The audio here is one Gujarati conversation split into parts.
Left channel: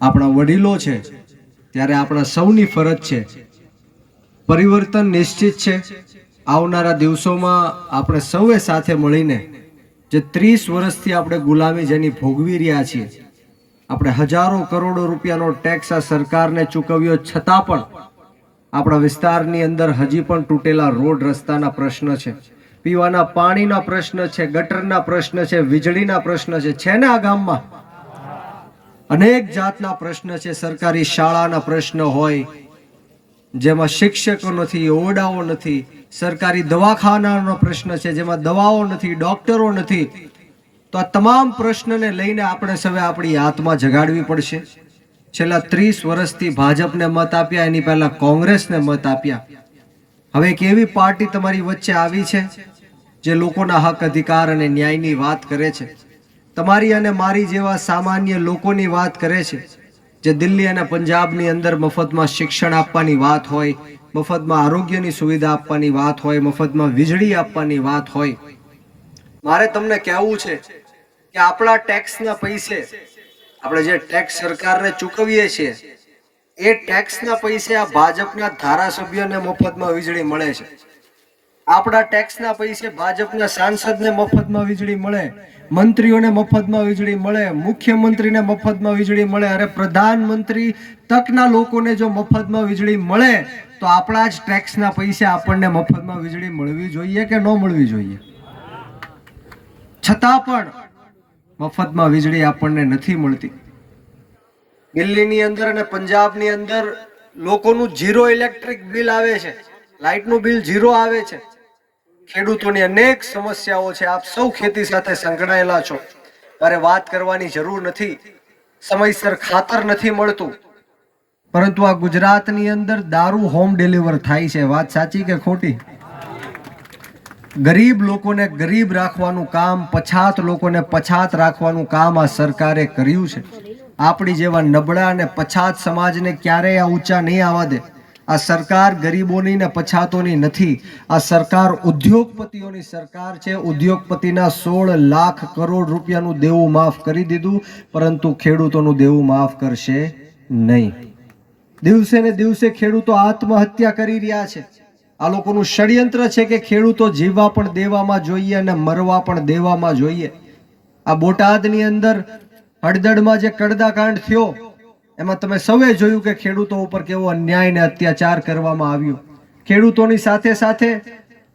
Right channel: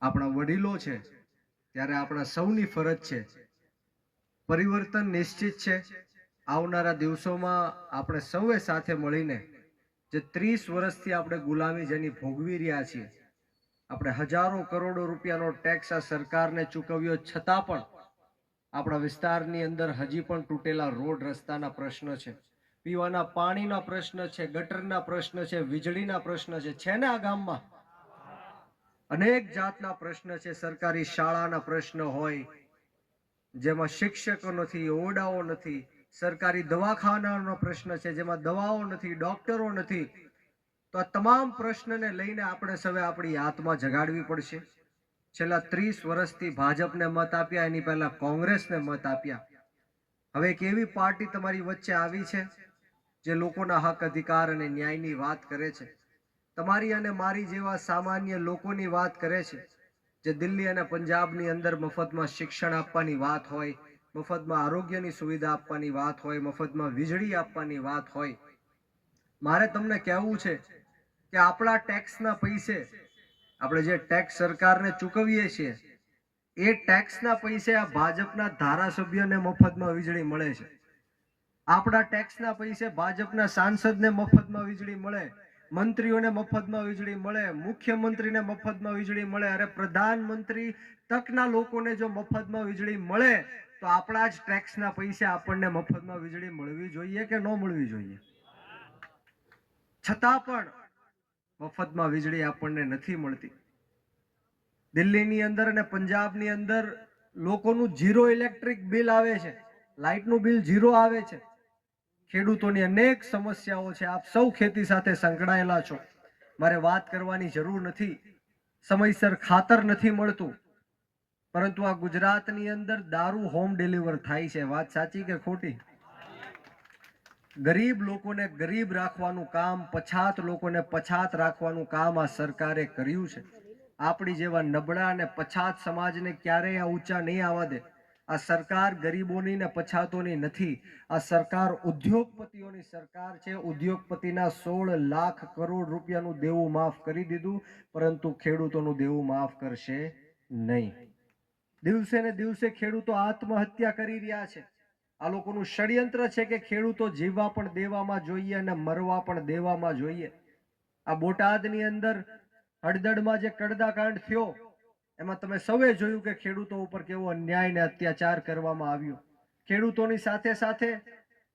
આપણા વડીલો છે, ત્યારે આપણા સૌની ફરજ છે. પરિવર્તન નિશ્ચિત છે. આવનારા દિવસોમાં આપણે સૌએ સાથે મળીને જે 30 વર્ષથી આપણે ગુલામી જેની ભોગવી રહ્યા છીએ, આપણે હજારો કરોડો રૂપિયાનો ટેક્સ આ સરકારને ચૂકવ્યો છતાં પણ આપણા વિસ્તારની અંદર હજી પણ તૂટેલા રોડ રસ્તાના પ્રશ્ન છે, પીવાના પાણીના પ્રશ્ન છે, ગટરના પ્રશ્ન છે, વીજળીના પ્રશ્ન છે ને આ ગામમાં અનેક જાતના પ્રશ્ન છે. સરકારી શાળાના પ્રશ્ન હોય જેમાં શિક્ષકો નથી, ઓરડાઓ નથી. સરકારી દવાખાનાનો પ્રશ્ન છે જેમાં દવાઓ નથી, ડોક્ટરો નથી. તો આ તમામ પ્રશ્નને લઈને આપણે સૌએ આપણી આત્મા જગાડવી પડશે. છેલ્લા 30 વર્ષથી ભાજપને મત આપ્યા, એની પહેલા કોંગ્રેસને મત આપ્યા. હવે એક એવી પાર્ટી તમારી વચ્ચે આવી છે જે લોકોના હક અધિકાર અને ન્યાયની વાત કરે છે, તમારી અને મારી જેવા સામાન્ય લોકોની વાત કરે છે. જે દિલ્હી અને પંજાબની અંદર મફતમાં શિક્ષણ આપવાની વાત હોય, મફતમાં આરોગ્યની સુવિધા આપવાની વાત હોય, મફતમાં વીજળી આપવાની વાત હોય, મારે તમને કહેવું છે કે આપણા ટેક્સના પૈસે, આપણે જે ટેક્સ સરકારને ચૂકવીએ છીએ, એ ટેક્સના પૈસે આ ભાજપના ધારાસભ્યોને મફતમાં વીજળી મળે છે. આપણા ટેક્સના પૈસે ભાજપના સાંસદને મફતમાં વીજળી મળે, મંત્રીઓને મફતમાં વીજળી મળે, મુખ્યમંત્રીને મફતમાં વીજળી મળે. અરે પ્રધાનમંત્રી તકના લોકોને જો મફતમાં વીજળી મળે તો આપણા જ ટેક્સના પૈસે આપણને મફતમાં વીજળી મળવી જોઈએ કે ન મળવી જોઈએ? છતાં પણ મફતમાં વીજળી આપણને નથી મળતી. દિલ્હીની અંદર અને પંજાબની અંદર લોકોનું 0 ઇલેક્ટ્રિક બિલ આવે છે, લાઇટનું બિલ 0 આવે છે. ખેડૂતોની અનેક સમસ્યાઓ છે. આપ સૌ ખેતી સાથે સંકળાયેલા છો, મારે વાત કરવાની જરૂર નથી. સમયસર ખાતર નથી મળતું, પરંતુ આ ગુજરાતની અંદર દારૂ હોમ ડિલિવર થાય છે. વાત સાચી કે ખોટી? ગરીબ લોકોને ગરીબ રાખવાનું કામ, પછાત લોકોને પછાત રાખવાનું કામ આ સરકારે કર્યું છે. આપણી જેવા નબળા અને પછાત સમાજને ક્યારેય આ ઊંચા નહીં આવવા દે. આ સરકાર ગરીબોની ને પછાતોની નથી. આ સરકાર ઉદ્યોગપતિઓની સરકાર છે. ઉદ્યોગપતિના 16 લાખ કરોડ રૂપિયાનું દેવું માફ કરી દીધું, પરંતુ ખેડૂતોનું દેવું માફ કરશે નહીં. દિવસે ને દિવસે ખેડૂતો આત્મહત્યા કરી રહ્યા છે. આ લોકોનું ષડયંત્ર છે કે ખેડૂતો જીવવા પણ દેવામાં જોઈએ અને મરવા પણ દેવામાં જોઈએ. આ બોટાદની અંદર હળદળમાં જે કડદાકાંડ થયો, એમાં તમે સૌએ જોયું કે ખેડૂતો ઉપર કેવો અન્યાય ને અત્યાચાર કરવામાં આવ્યો. ખેડૂતોની સાથે સાથે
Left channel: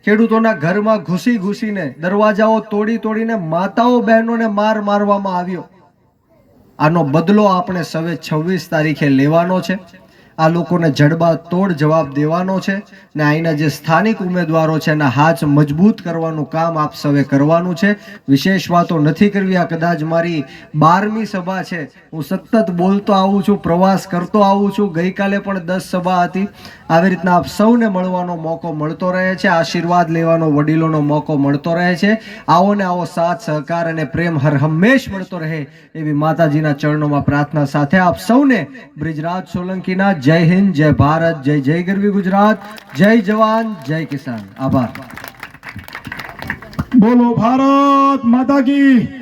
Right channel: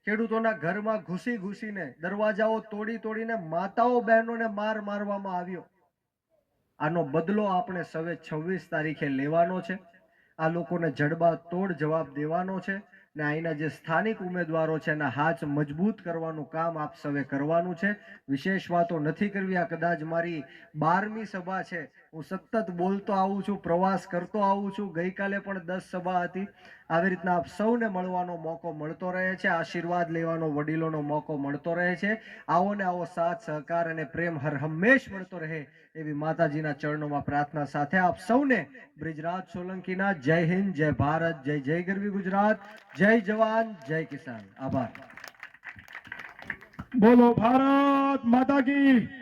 ખેડૂતોના ઘરમાં ઘૂસી ઘૂસીને, દરવાજાઓ તોડી તોડીને માતાઓ બહેનોને મારવામાં આવ્યો. આનો બદલો આપણે સૌએ 26 તારીખે લેવાનો છે. આ લોકોને જડબા તોડ જવાબ દેવાનો છે ને અહીંના જે સ્થાનિક ઉમેદવારો છે એના હાથ મજબૂત કરવાનું કામ આપ સૌએ કરવાનું છે. વિશેષ વાતો નથી કરવી. આ કદાચ મારી 12મી સભા છે. હું સતત બોલતો આવું છું, પ્રવાસ કરતો આવું છું. ગઈકાલે પણ 10 સભા હતી. આવી રીતના આપ સૌને મળવાનો મોકો મળતો રહે છે, આશીર્વાદ લેવાનો વડીલોનો મોકો મળતો રહે છે. આવો ને આવો સાથ સહકાર અને પ્રેમ હર હંમેશ મળતો રહે એવી માતાજીના ચરણોમાં પ્રાર્થના સાથે આપ સૌને બ્રિજરાજ સોલંકીના જય હિન્દ, જય ભારત, જય જય ગરવી ગુજરાત, જય જવાન, જય કિસાન. આભાર. બોલો ભારત માતા કી.